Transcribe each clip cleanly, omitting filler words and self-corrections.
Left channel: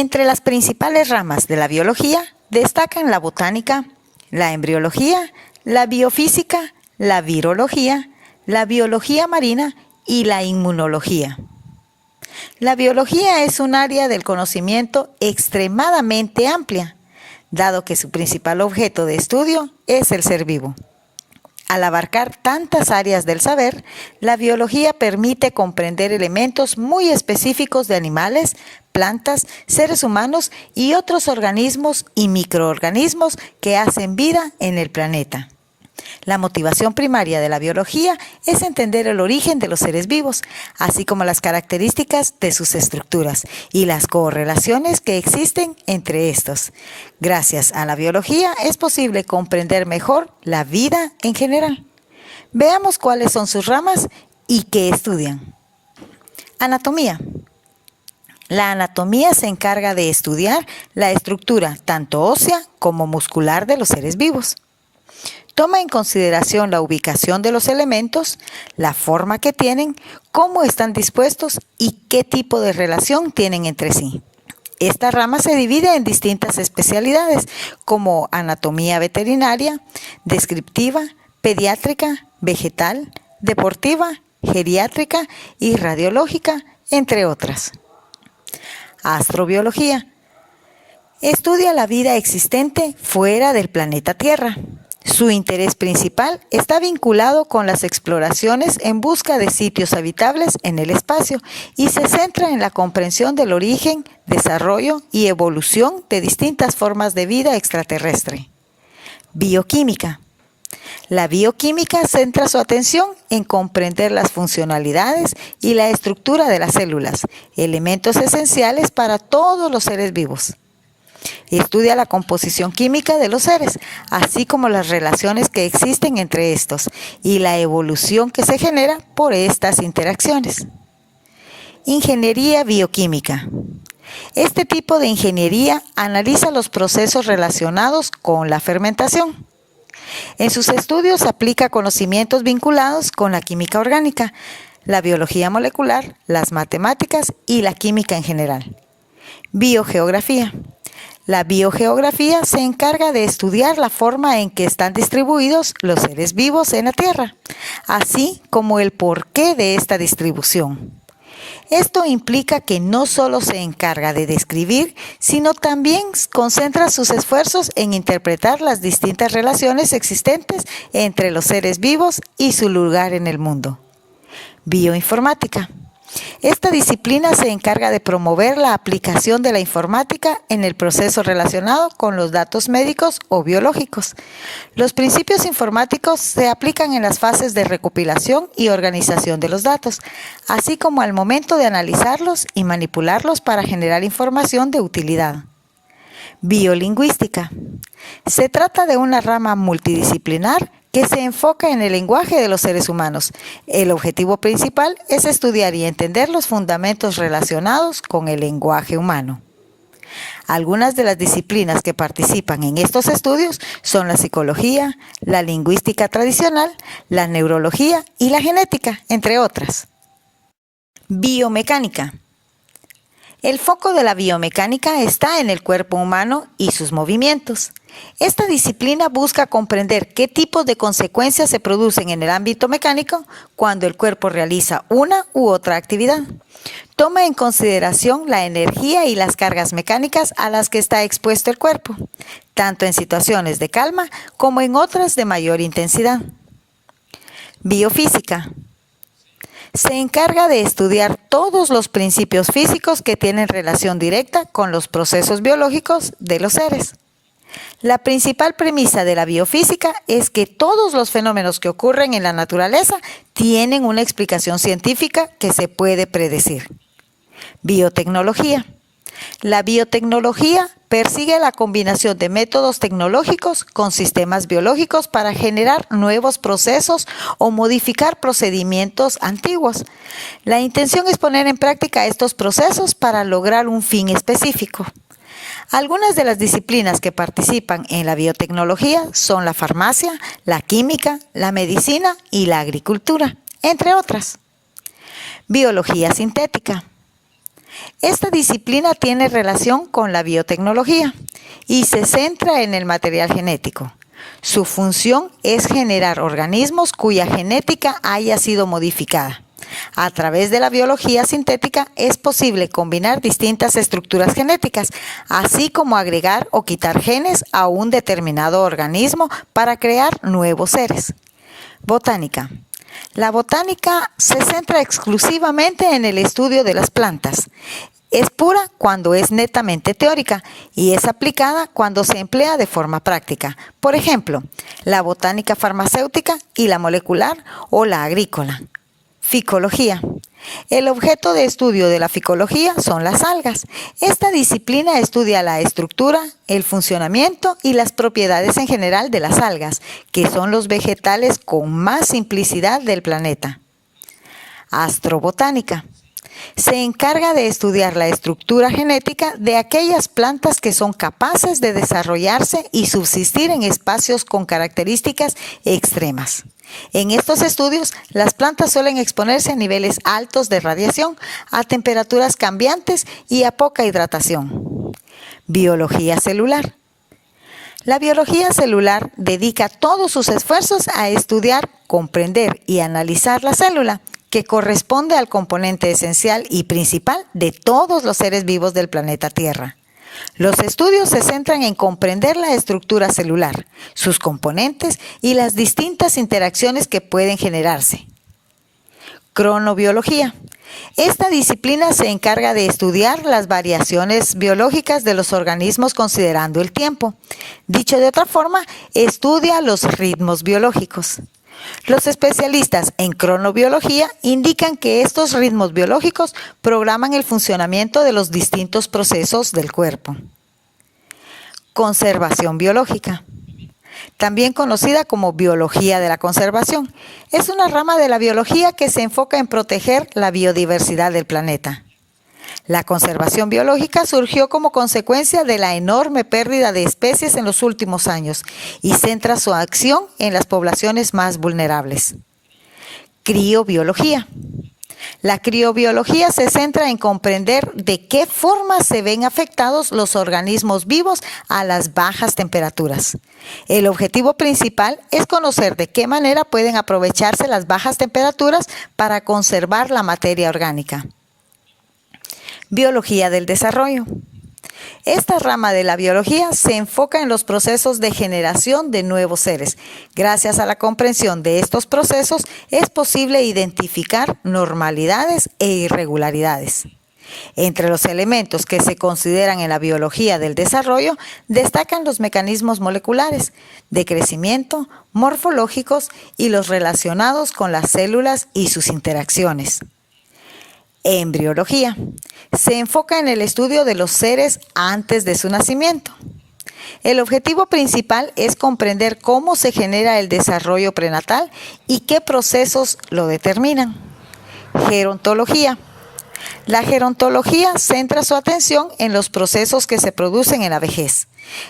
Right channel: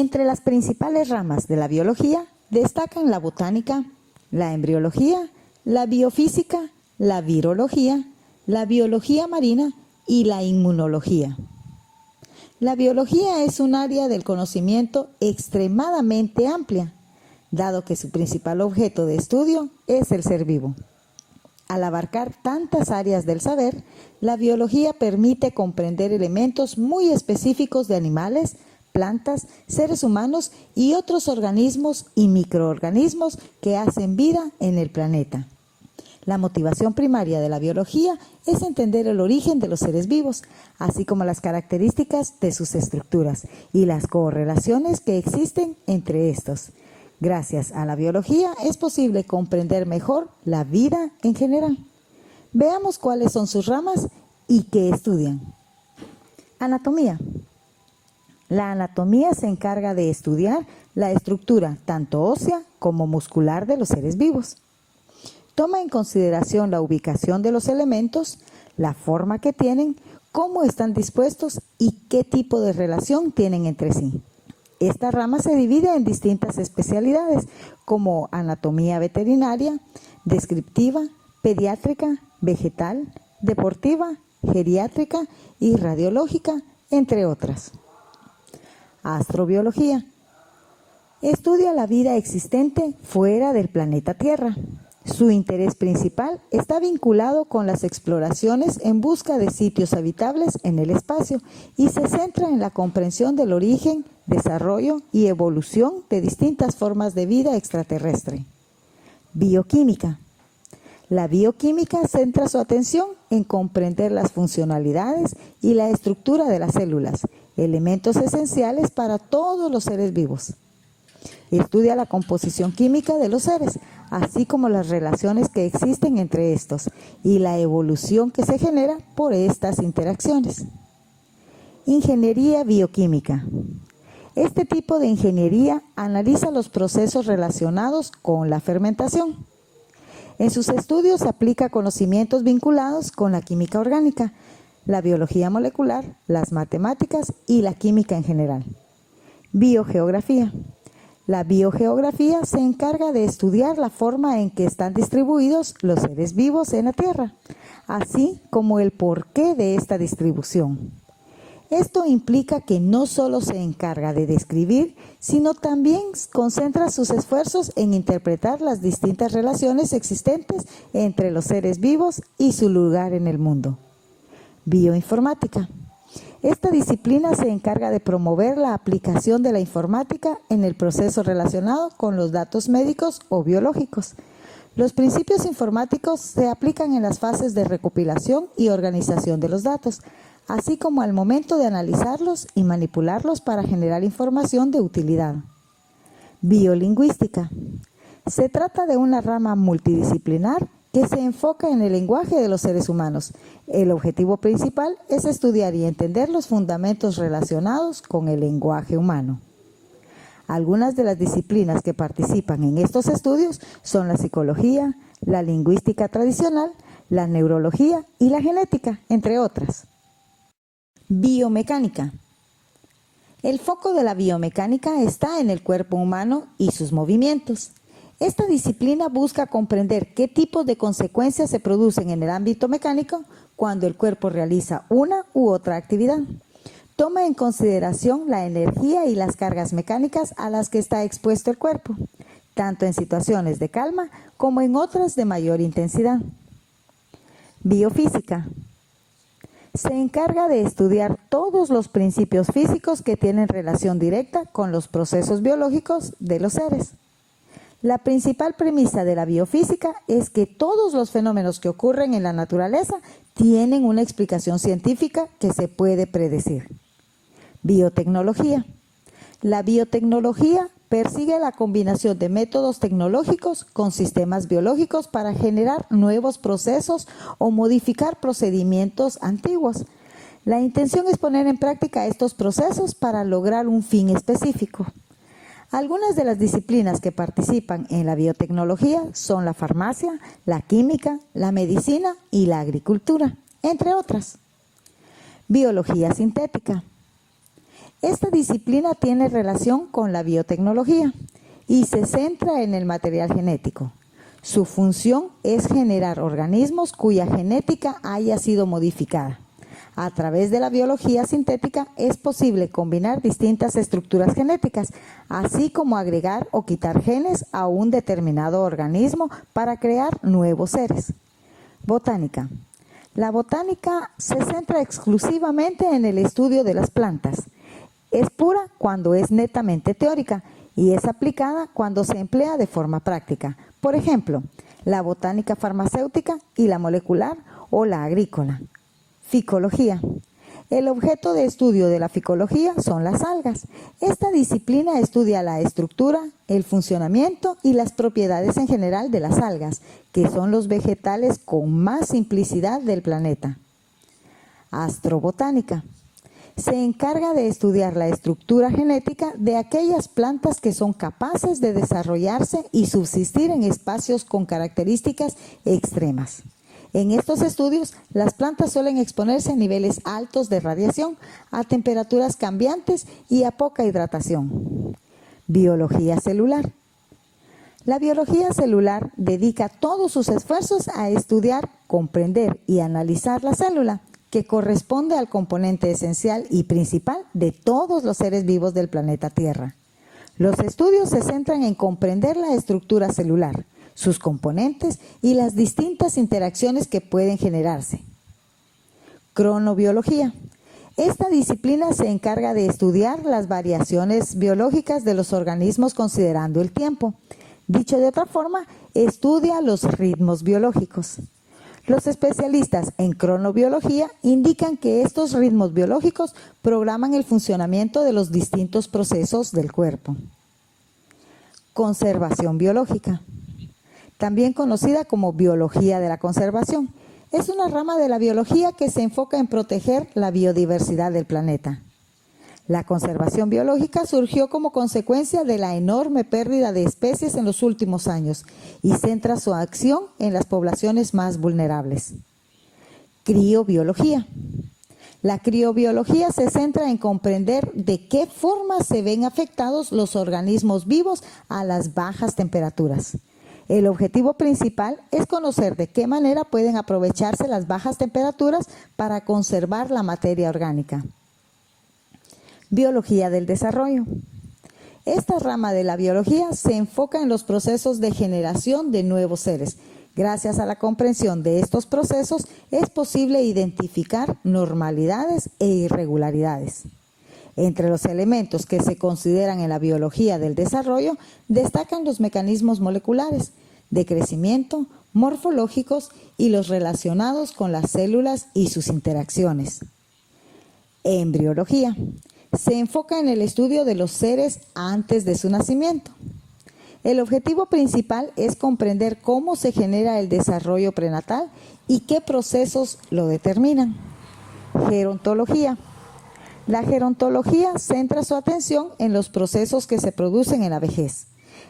Entre las principales ramas de la biología destacan la botánica, la embriología, la biofísica, la virología, la biología marina y la inmunología. La biología es un área del conocimiento extremadamente amplia, dado que su principal objeto de estudio es el ser vivo. Al abarcar tantas áreas del saber, la biología permite comprender elementos muy específicos de animales, plantas, seres humanos y otros organismos y microorganismos que hacen vida en el planeta. La motivación primaria de la biología es entender el origen de los seres vivos, así como las características de sus estructuras y las correlaciones que existen entre estos. Gracias a la biología es posible comprender mejor la vida en general. Veamos cuáles son sus ramas y qué estudian. Anatomía. La anatomía se encarga de estudiar la estructura tanto ósea como muscular de los seres vivos. Toma en consideración la ubicación de los elementos, la forma que tienen, cómo están dispuestos y qué tipo de relación tienen entre sí. Esta rama se divide en distintas especialidades como anatomía veterinaria, descriptiva, pediátrica, vegetal, deportiva, geriátrica y radiológica, entre otras. Astrobiología. Estudia la vida existente fuera del planeta Tierra. Su interés principal está vinculado con las exploraciones en busca de sitios habitables en el espacio y se centra en la comprensión del origen, desarrollo y evolución de distintas formas de vida extraterrestre. Bioquímica. La bioquímica centra su atención en comprender las funcionalidades y la estructura de las células, elementos esenciales para todos los seres vivos. Estudia la composición química de los seres, así como las relaciones que existen entre estos y la evolución que se genera por estas interacciones. Ingeniería bioquímica. Este tipo de ingeniería analiza los procesos relacionados con la fermentación. En sus estudios aplica conocimientos vinculados con la química orgánica, la biología molecular, las matemáticas y la química en general. Biogeografía. La biogeografía se encarga de estudiar la forma en que están distribuidos los seres vivos en la Tierra, así como el porqué de esta distribución. Esto implica que no solo se encarga de describir, sino también concentra sus esfuerzos en interpretar las distintas relaciones existentes entre los seres vivos y su lugar en el mundo. Bioinformática. Esta disciplina se encarga de promover la aplicación de la informática en el proceso relacionado con los datos médicos o biológicos. Los principios informáticos se aplican en las fases de recopilación y organización de los datos, así como al momento de analizarlos y manipularlos para generar información de utilidad. Biolingüística. Se trata de una rama multidisciplinar que se enfoca en el lenguaje de los seres humanos. El objetivo principal es estudiar y entender los fundamentos relacionados con el lenguaje humano. Algunas de las disciplinas que participan en estos estudios son la psicología, la lingüística tradicional, la neurología y la genética, entre otras. Biomecánica. El foco de la biomecánica está en el cuerpo humano y sus movimientos. Esta disciplina busca comprender qué tipos de consecuencias se producen en el ámbito mecánico cuando el cuerpo realiza una u otra actividad. Toma en consideración la energía y las cargas mecánicas a las que está expuesto el cuerpo, tanto en situaciones de calma como en otras de mayor intensidad. Biofísica. Se encarga de estudiar todos los principios físicos que tienen relación directa con los procesos biológicos de los seres. La principal premisa de la biofísica es que todos los fenómenos que ocurren en la naturaleza tienen una explicación científica que se puede predecir. Biotecnología. La biotecnología persigue la combinación de métodos tecnológicos con sistemas biológicos para generar nuevos procesos o modificar procedimientos antiguos. La intención es poner en práctica estos procesos para lograr un fin específico. Algunas de las disciplinas que participan en la biotecnología son la farmacia, la química, la medicina y la agricultura, entre otras. Biología sintética. Esta disciplina tiene relación con la biotecnología y se centra en el material genético. Su función es generar organismos cuya genética haya sido modificada. A través de la biología sintética es posible combinar distintas estructuras genéticas, así como agregar o quitar genes a un determinado organismo para crear nuevos seres. Botánica. La botánica se centra exclusivamente en el estudio de las plantas. Es pura cuando es netamente teórica y es aplicada cuando se emplea de forma práctica. Por ejemplo, la botánica farmacéutica y la molecular o la agrícola. Ficología. El objeto de estudio de la ficología son las algas. Esta disciplina estudia la estructura, el funcionamiento y las propiedades en general de las algas, que son los vegetales con más simplicidad del planeta. Astrobotánica. Se encarga de estudiar la estructura genética de aquellas plantas que son capaces de desarrollarse y subsistir en espacios con características extremas. En estos estudios, las plantas suelen exponerse a niveles altos de radiación, a temperaturas cambiantes y a poca hidratación. Biología celular. La biología celular dedica todos sus esfuerzos a estudiar, comprender y analizar la célula, que corresponde al componente esencial y principal de todos los seres vivos del planeta Tierra. Los estudios se centran en comprender la estructura celular, sus componentes y las distintas interacciones que pueden generarse. Cronobiología. Esta disciplina se encarga de estudiar las variaciones biológicas de los organismos considerando el tiempo. Dicho de otra forma, estudia los ritmos biológicos. Los especialistas en cronobiología indican que estos ritmos biológicos programan el funcionamiento de los distintos procesos del cuerpo. Conservación biológica, también conocida como biología de la conservación, es una rama de la biología que se enfoca en proteger la biodiversidad del planeta. La conservación biológica surgió como consecuencia de la enorme pérdida de especies en los últimos años y centra su acción en las poblaciones más vulnerables. Criobiología. La criobiología se centra en comprender de qué forma se ven afectados los organismos vivos a las bajas temperaturas. El objetivo principal es conocer de qué manera pueden aprovecharse las bajas temperaturas para conservar la materia orgánica. Biología del desarrollo. Esta rama de la biología se enfoca en los procesos de generación de nuevos seres. Gracias a la comprensión de estos procesos es posible identificar normalidades e irregularidades. Entre los elementos que se consideran en la biología del desarrollo destacan los mecanismos moleculares, de crecimiento, morfológicos y los relacionados con las células y sus interacciones. Embriología. Se enfoca en el estudio de los seres antes de su nacimiento. El objetivo principal es comprender cómo se genera el desarrollo prenatal y qué procesos lo determinan. Gerontología. La gerontología centra su atención en los procesos que se producen en la vejez.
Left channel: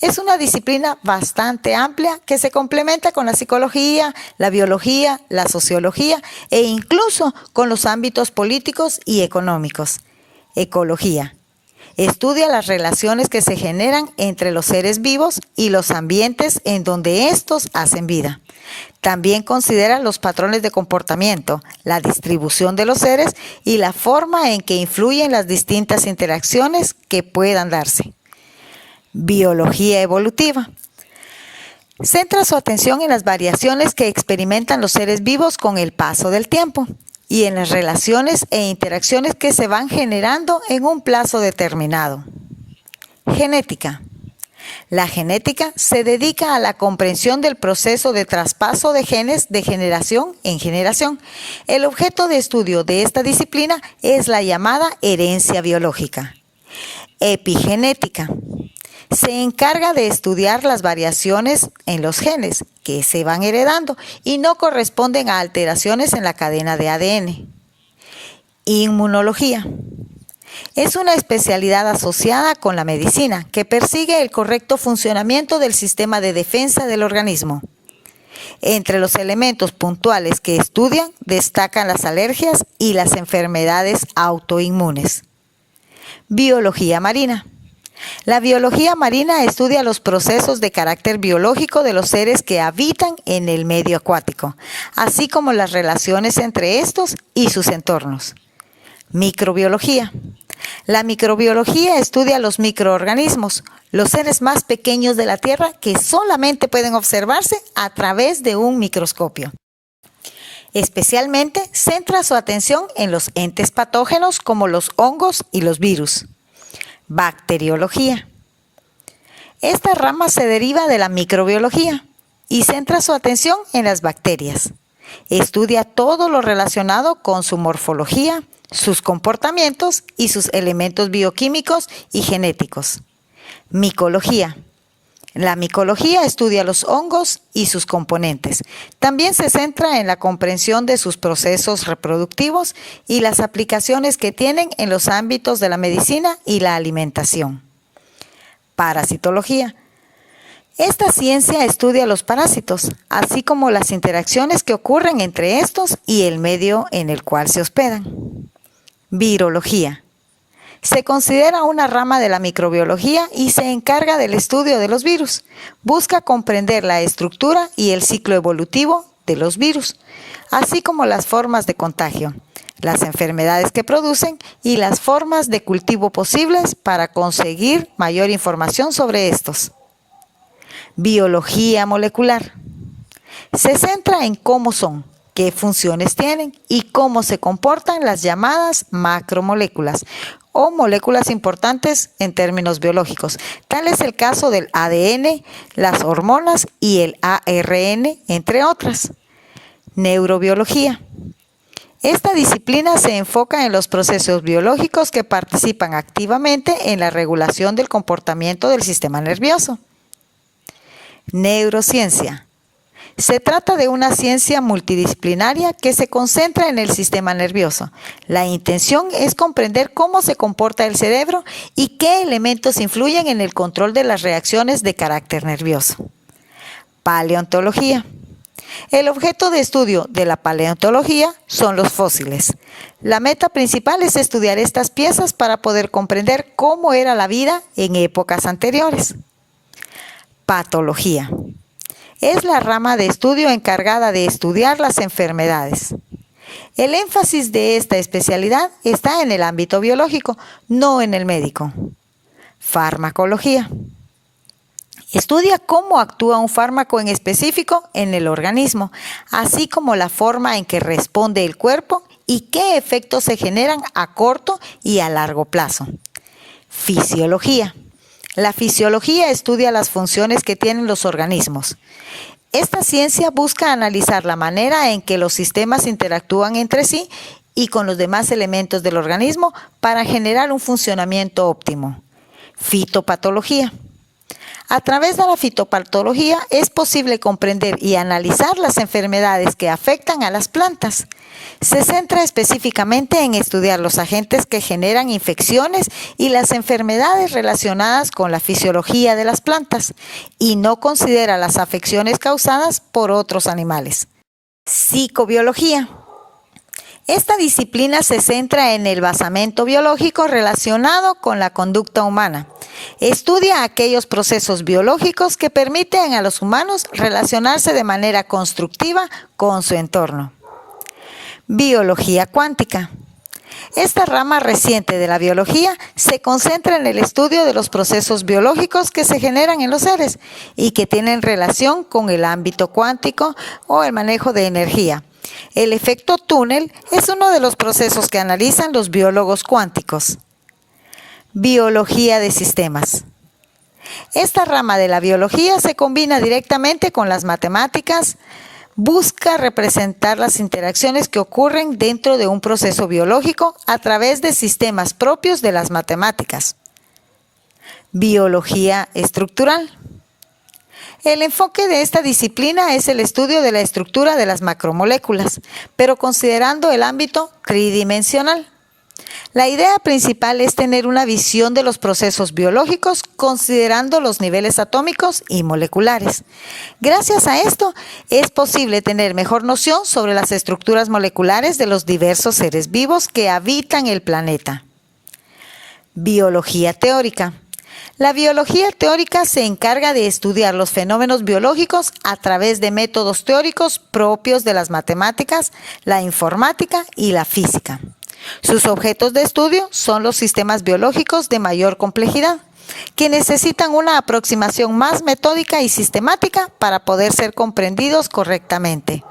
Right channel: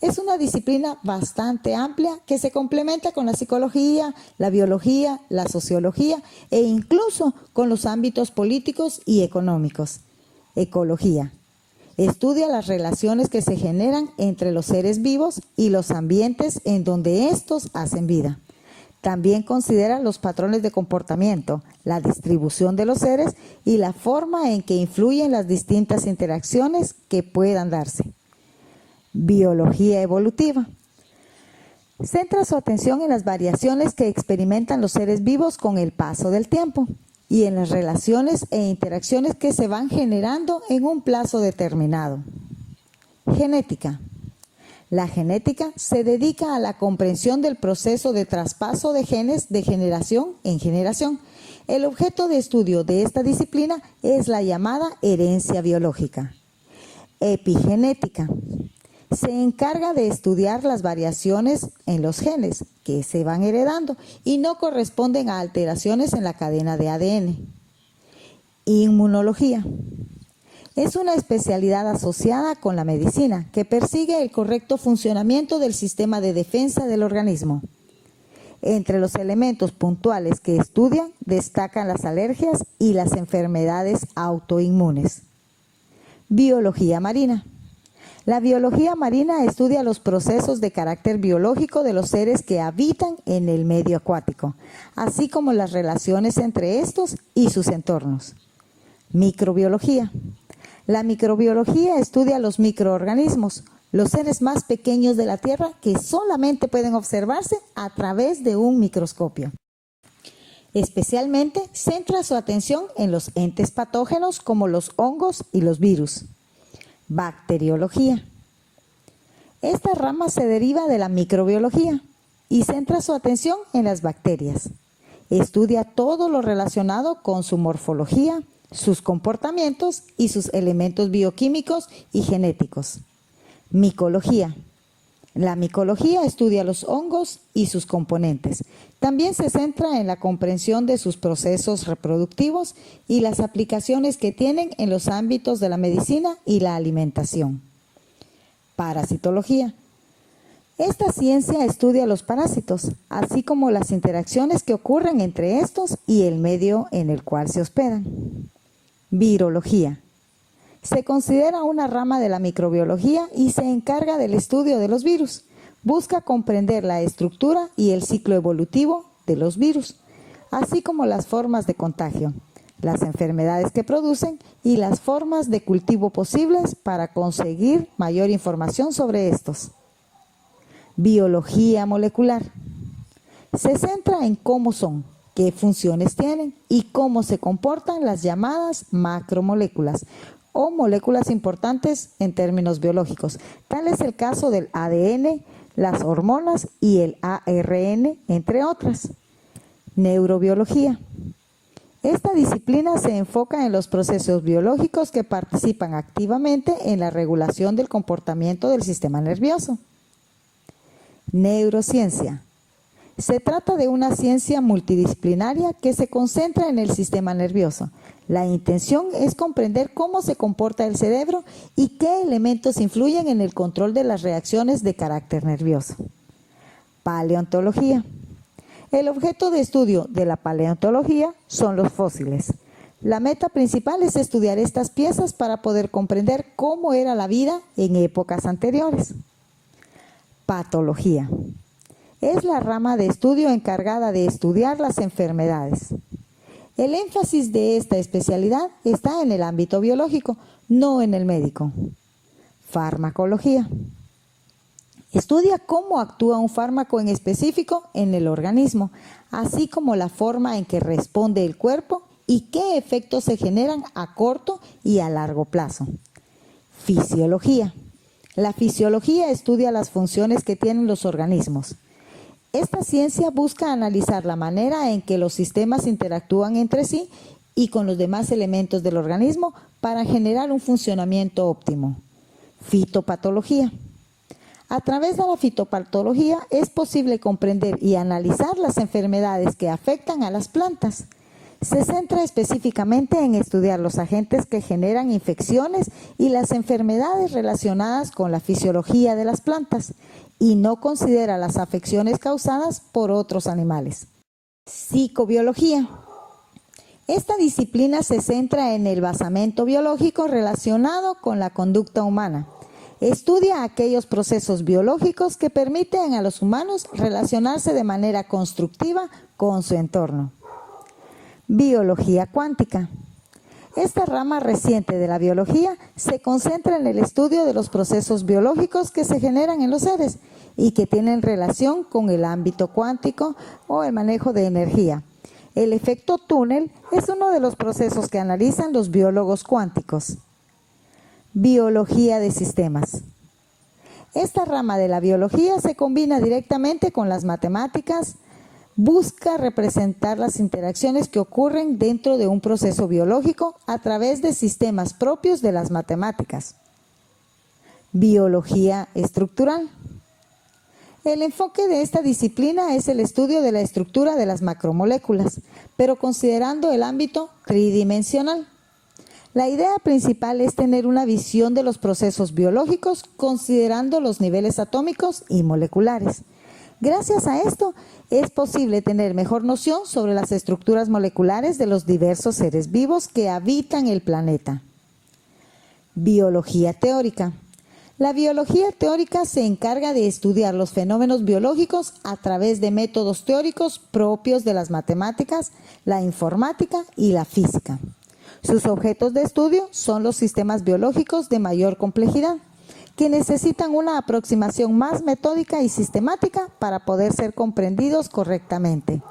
Es una disciplina bastante amplia que se complementa con la psicología, la biología, la sociología e incluso con los ámbitos políticos y económicos. Ecología. Estudia las relaciones que se generan entre los seres vivos y los ambientes en donde estos hacen vida. También considera los patrones de comportamiento, la distribución de los seres y la forma en que influyen las distintas interacciones que puedan darse. Biología evolutiva. Centra su atención en las variaciones que experimentan los seres vivos con el paso del tiempo y en las relaciones e interacciones que se van generando en un plazo determinado. Genética. La genética se dedica a la comprensión del proceso de traspaso de genes de generación en generación. El objeto de estudio de esta disciplina es la llamada herencia biológica. Epigenética. Se encarga de estudiar las variaciones en los genes que se van heredando y no corresponden a alteraciones en la cadena de ADN. Inmunología. Es una especialidad asociada con la medicina que persigue el correcto funcionamiento del sistema de defensa del organismo. Entre los elementos puntuales que estudian destacan las alergias y las enfermedades autoinmunes. Biología marina. La biología marina estudia los procesos de carácter biológico de los seres que habitan en el medio acuático, así como las relaciones entre estos y sus entornos. Microbiología. La microbiología estudia los microorganismos, los seres más pequeños de la Tierra que solamente pueden observarse a través de un microscopio. Especialmente centra su atención en los entes patógenos como los hongos y los virus. Bacteriología. Esta rama se deriva de la microbiología y centra su atención en las bacterias. Estudia todo lo relacionado con su morfología, sus comportamientos y sus elementos bioquímicos y genéticos. Micología. La micología estudia los hongos y sus componentes. También se centra en la comprensión de sus procesos reproductivos y las aplicaciones que tienen en los ámbitos de la medicina y la alimentación. Parasitología. Esta ciencia estudia los parásitos, así como las interacciones que ocurren entre estos y el medio en el cual se hospedan. Virología. Se considera una rama de la microbiología y se encarga del estudio de los virus. Busca comprender la estructura y el ciclo evolutivo de los virus, así como las formas de contagio, las enfermedades que producen y las formas de cultivo posibles para conseguir mayor información sobre estos. Biología molecular. Se centra en cómo son, qué funciones tienen y cómo se comportan las llamadas macromoléculas o moléculas importantes en términos biológicos. Tal es el caso del ADN, las hormonas y el ARN, entre otras. Neurobiología. Esta disciplina se enfoca en los procesos biológicos que participan activamente en la regulación del comportamiento del sistema nervioso. Neurociencia. Se trata de una ciencia multidisciplinaria que se concentra en el sistema nervioso. La intención es comprender cómo se comporta el cerebro y qué elementos influyen en el control de las reacciones de carácter nervioso. Paleontología. El objeto de estudio de la paleontología son los fósiles. La meta principal es estudiar estas piezas para poder comprender cómo era la vida en épocas anteriores. Patología. Es la rama de estudio encargada de estudiar las enfermedades. El énfasis de esta especialidad está en el ámbito biológico, no en el médico. Farmacología. Estudia cómo actúa un fármaco en específico en el organismo, así como la forma en que responde el cuerpo y qué efectos se generan a corto y a largo plazo. Fisiología. La fisiología estudia las funciones que tienen los organismos. Esta ciencia busca analizar la manera en que los sistemas interactúan entre sí y con los demás elementos del organismo para generar un funcionamiento óptimo. Fitopatología. A través de la fitopatología es posible comprender y analizar las enfermedades que afectan a las plantas. Se centra específicamente en estudiar los agentes que generan infecciones y las enfermedades relacionadas con la fisiología de las plantas y no considera las afecciones causadas por otros animales. Psicobiología. Esta disciplina se centra en el basamento biológico relacionado con la conducta humana. Estudia aquellos procesos biológicos que permiten a los humanos relacionarse de manera constructiva con su entorno. Biología cuántica. Esta rama reciente de la biología se concentra en el estudio de los procesos biológicos que se generan en los seres y que tienen relación con el ámbito cuántico o el manejo de energía. El efecto túnel es uno de los procesos que analizan los biólogos cuánticos. Biología de sistemas. Esta rama de la biología se combina directamente con las matemáticas, busca representar las interacciones que ocurren dentro de un proceso biológico a través de sistemas propios de las matemáticas. Biología estructural. El enfoque de esta disciplina es el estudio de la estructura de las macromoléculas, pero considerando el ámbito tridimensional. La idea principal es tener una visión de los procesos biológicos considerando los niveles atómicos y moleculares. Gracias a esto es posible tener mejor noción sobre las estructuras moleculares de los diversos seres vivos que habitan el planeta. Biología teórica. La biología teórica se encarga de estudiar los fenómenos biológicos a través de métodos teóricos propios de las matemáticas, la informática y la física. Sus objetos de estudio son los sistemas biológicos de mayor complejidad, que necesitan una aproximación más metódica y sistemática para poder ser comprendidos correctamente.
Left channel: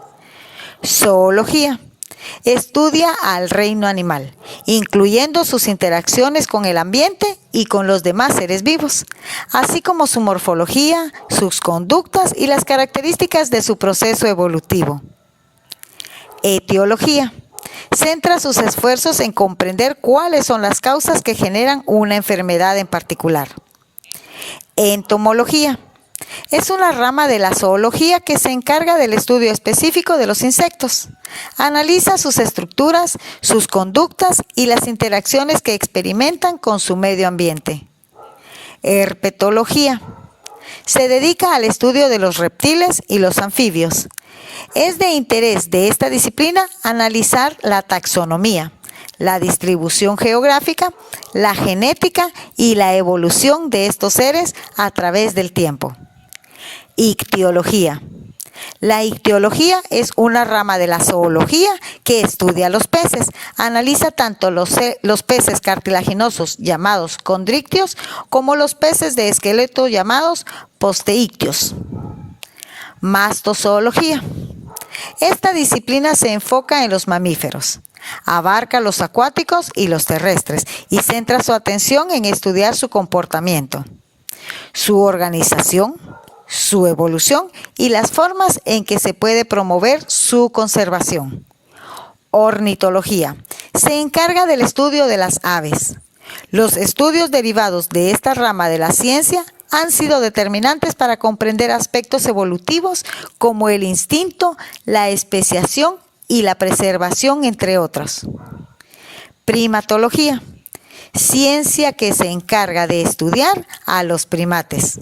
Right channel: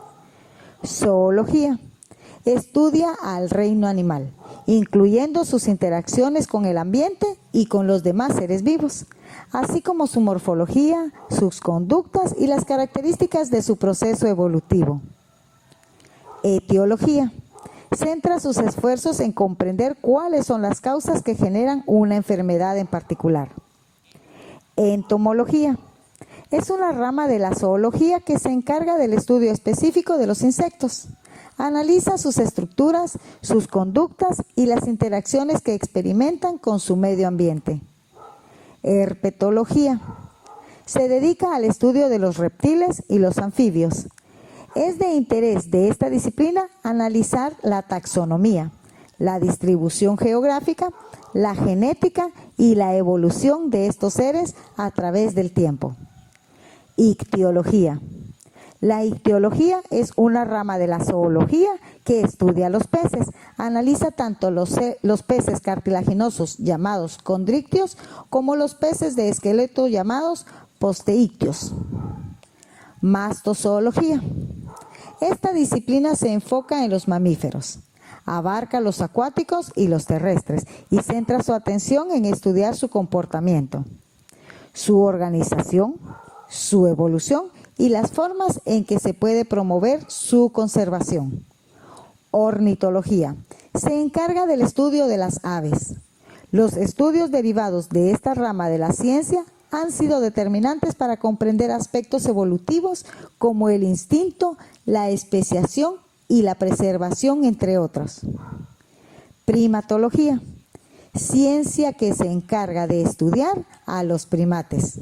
Zoología. Estudia al reino animal, incluyendo sus interacciones con el ambiente y con los demás seres vivos, así como su morfología, sus conductas y las características de su proceso evolutivo. Etiología. Centra sus esfuerzos en comprender cuáles son las causas que generan una enfermedad en particular. Entomología. Es una rama de la zoología que se encarga del estudio específico de los insectos. Analiza sus estructuras, sus conductas y las interacciones que experimentan con su medio ambiente. Herpetología. Se dedica al estudio de los reptiles y los anfibios. Es de interés de esta disciplina analizar la taxonomía, la distribución geográfica, la genética y la evolución de estos seres a través del tiempo. Ictiología. La ictiología es una rama de la zoología que estudia los peces. Analiza tanto los peces cartilaginosos llamados condrictios como los peces de esqueleto llamados posteictios. Mastozoología. Esta disciplina se enfoca en los mamíferos. Abarca los acuáticos y los terrestres y centra su atención en estudiar su comportamiento, su organización, su evolución y las formas en que se puede promover su conservación. Ornitología. Se encarga del estudio de las aves. Los estudios derivados de esta rama de la ciencia han sido determinantes para comprender aspectos evolutivos como el instinto, la especiación y la preservación, entre otros. Primatología. Ciencia que se encarga de estudiar a los primates.